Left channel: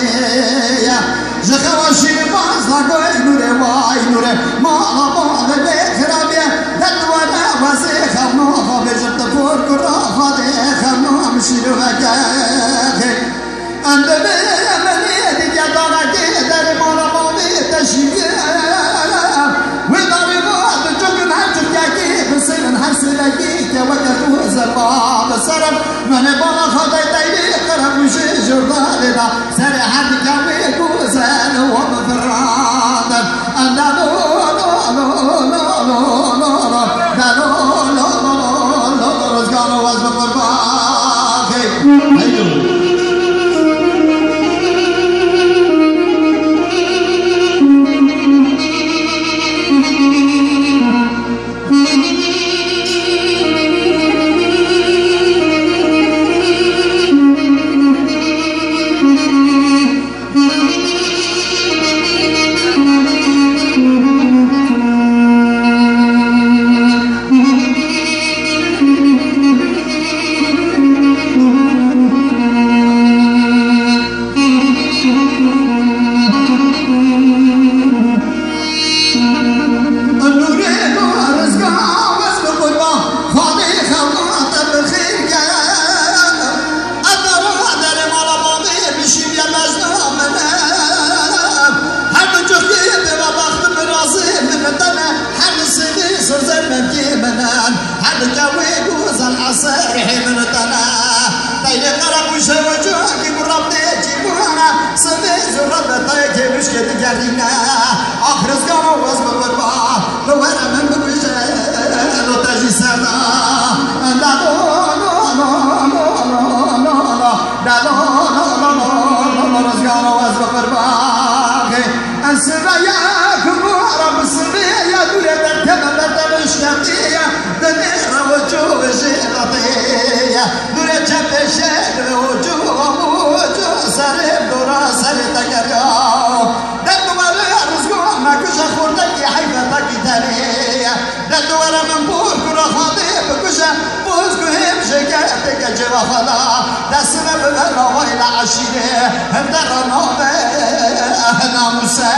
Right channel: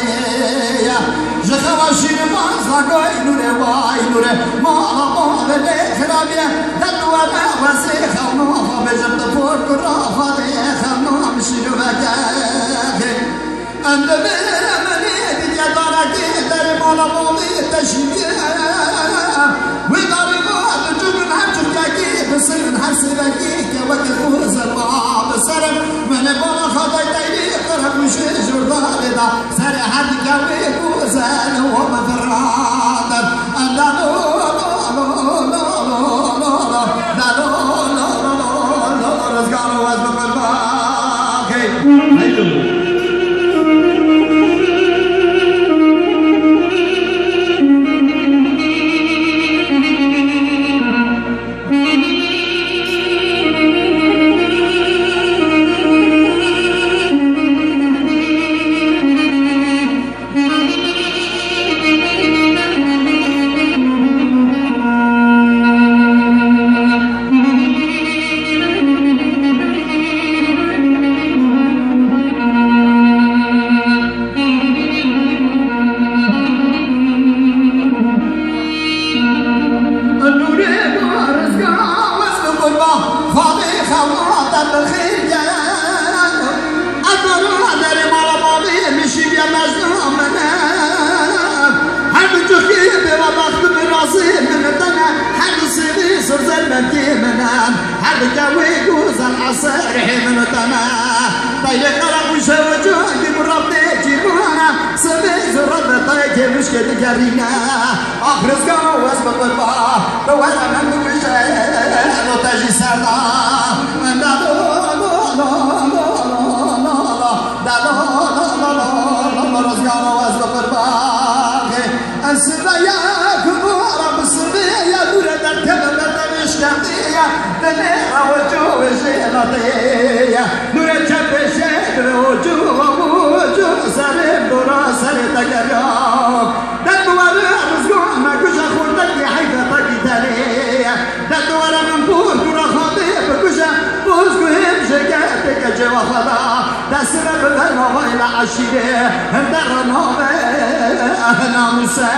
دنيا زخواشي بازنا قوي نوري واي نوري مالا مالا بخرابي دلوانا وزيخا موها بجبت فور قرافة ديخا موها مشيرو وكاخي أنت بيرمني بجدانا كيدر مولا مومي تشيكي وماري مواد جبن هاتشكاكي بسيمن حسبكي كوكتور زربا بسرم من بالا خطي تيلي قرب مشي جرداني دا سري حد كوي كوزان ومفرادا أنت هم درنا ناموسا